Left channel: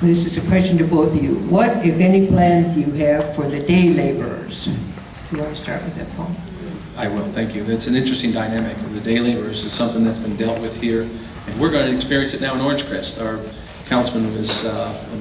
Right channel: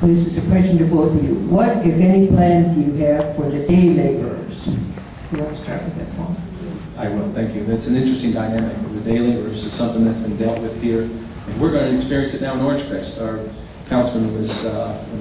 This is a question to both of you. What, if any, plans do you have for the day laborers? You want to start with that, Paul? I will, thank you. That's an interesting dynamic. The day laborers is something that's been dealt with here, and we're going to experience it now in Orange Crest. Our councilman has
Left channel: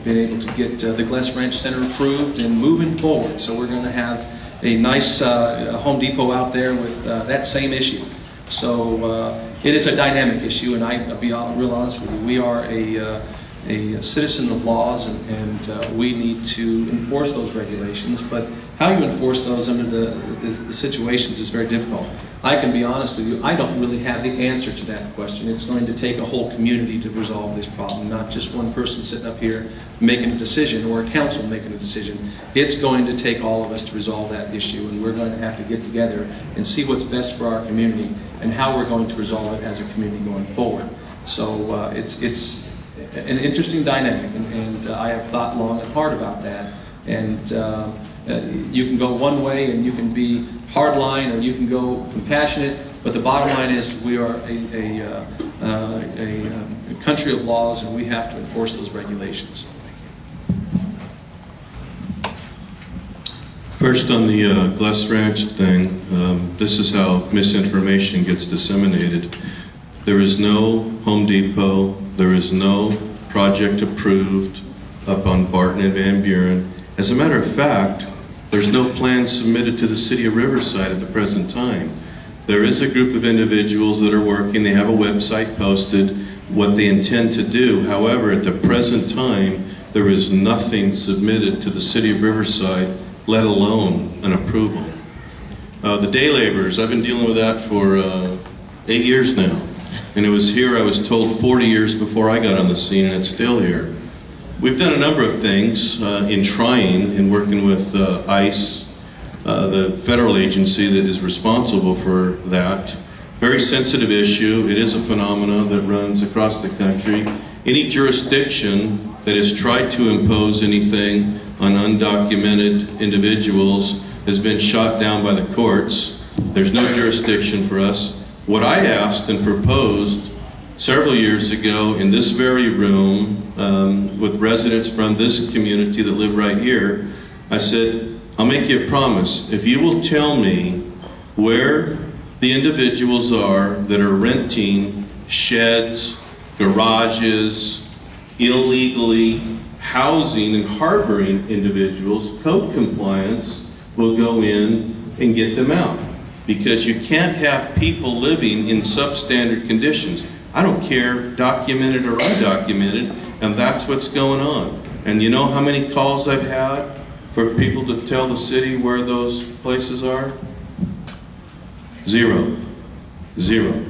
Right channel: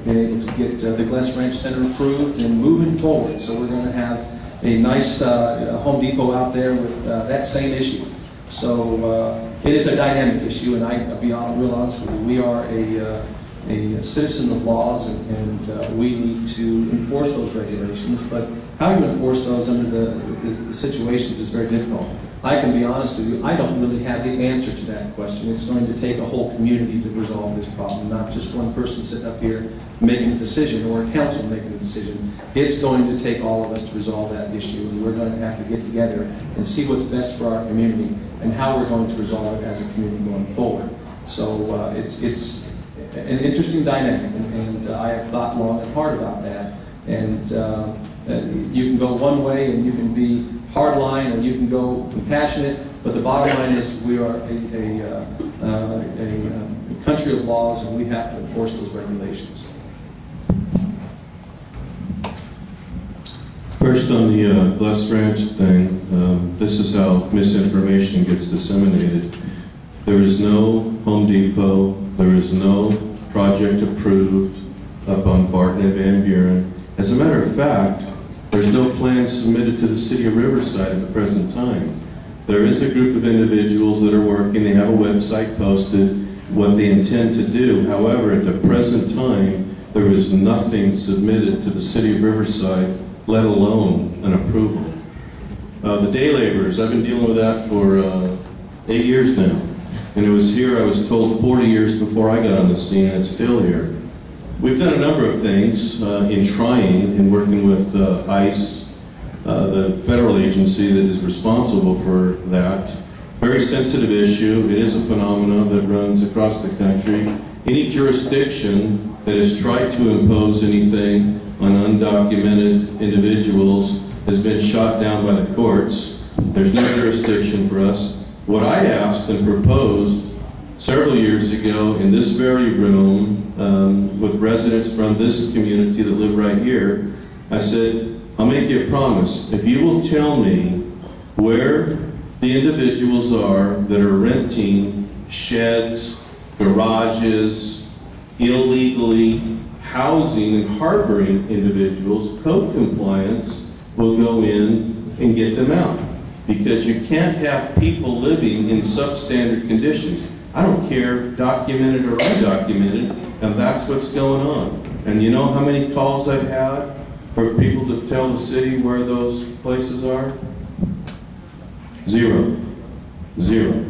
been able to get the Glass Ranch Center approved and moving forward. So we're going to have a nice Home Depot out there with that same issue. So it is a dynamic issue, and I'll be real honest with you. We are a citizen of laws, and we need to enforce those regulations. But how you enforce those under the situations is very difficult. I can be honest with you, I don't really have the answer to that question. It's going to take a whole community to resolve this problem, not just one person sitting up here making a decision or a council making a decision. It's going to take all of us to resolve that issue, and we're going to have to get together and see what's best for our community and how we're going to resolve it as a community going forward. So it's an interesting dynamic, and I have thought long and hard about that. And you can go one way, and you can be hardline, or you can go compassionate. But the bottom line is, we are a country of laws, and we have to enforce those regulations. First, on the Glass Ranch thing, this is how misinformation gets disseminated. There is no Home Depot. There is no project approved up on Barton and Van Buren. As a matter of fact, there's no plan submitted to the city of Riverside at the present time. There is a group of individuals that are working. They have a website posted, what they intend to do. However, at the present time, there is nothing submitted to the city of Riverside, let alone an approval. The day laborers, I've been dealing with that for 8 years now. And it was here, I was told, 40 years before I got on the scene, and it's still here. We've done a number of things in working with ICE, the federal agency that is responsible for that. Very sensitive issue. It is a phenomenon that runs across the country. Any jurisdiction that has tried to impose anything on undocumented individuals has been shot down by the courts. There's no jurisdiction for us. What I asked and proposed several years ago in this very room with residents from this community that live right here, I said, I'll make you a promise. If you will tell me where the individuals are that are renting sheds, garages, illegally housing and harboring individuals, code compliance will go in and get them out. Because you can't have people living in substandard conditions. I don't care, documented or undocumented, and that's what's going on. And you know how many calls I've had for people to tell the city where those places are? Zero. Zero.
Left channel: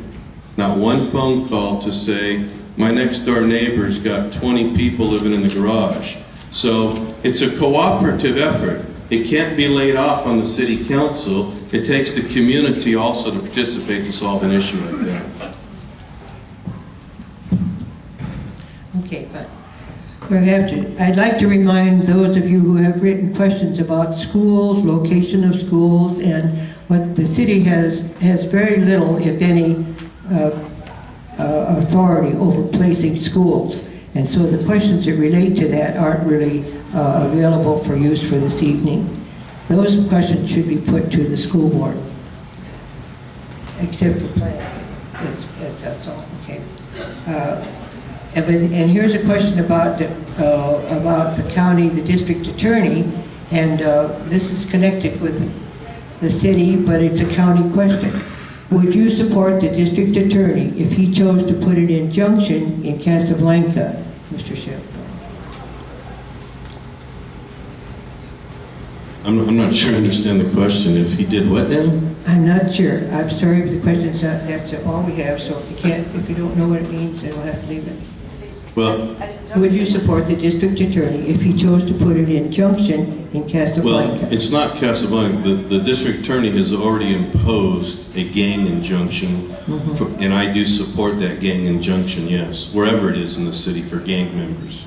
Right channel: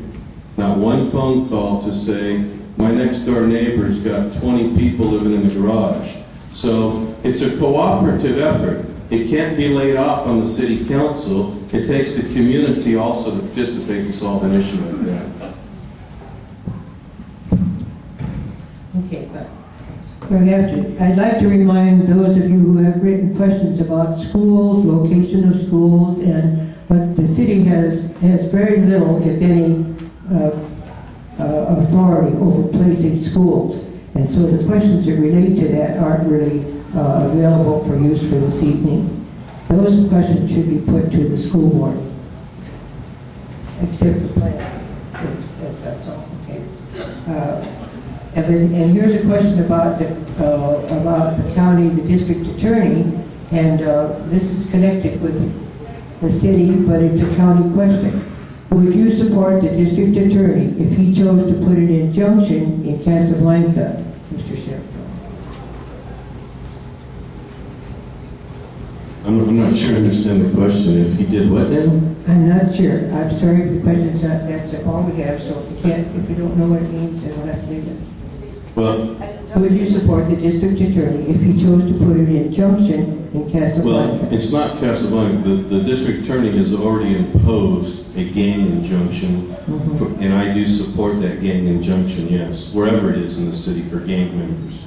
Not one phone call to say, my next door neighbor's got 20 people living in the garage. So it's a cooperative effort. It can't be laid off on the city council. It takes the community also to participate to solve an issue like that. Okay, but I'd like to remind those of you who have written questions about schools, location of schools, and what the city has very little, if any, authority over placing schools. And so the questions that relate to that aren't really available for use for this evening. Those questions should be put to the school board, except for planning. That's all. Okay. And here's a question about the county, the district attorney, and this is connected with the city, but it's a county question. Would you support the district attorney if he chose to put an injunction in Casablanca, Mr. Sheriff? I'm not sure I understand the question. If he did what now? I'm not sure. I'm sorry, but the question's not, that's all we have, so if you don't know what it means, then we'll have to leave it. Well, would you support the district attorney if he chose to put an injunction in Casablanca? Well, it's not Casablanca. The district attorney has already imposed a gang injunction, and I do support that gang injunction, yes, wherever it is in the city for gang members.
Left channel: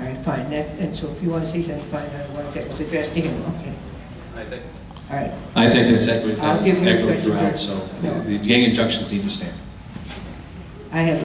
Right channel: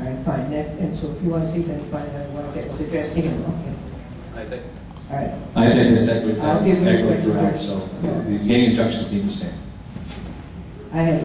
All right, fine. And so if you want to say something, fine. Otherwise, that was addressed to him. Okay. I think. All right. I think that's equity I'll give you throughout. So the gang injunctions need to stand. I have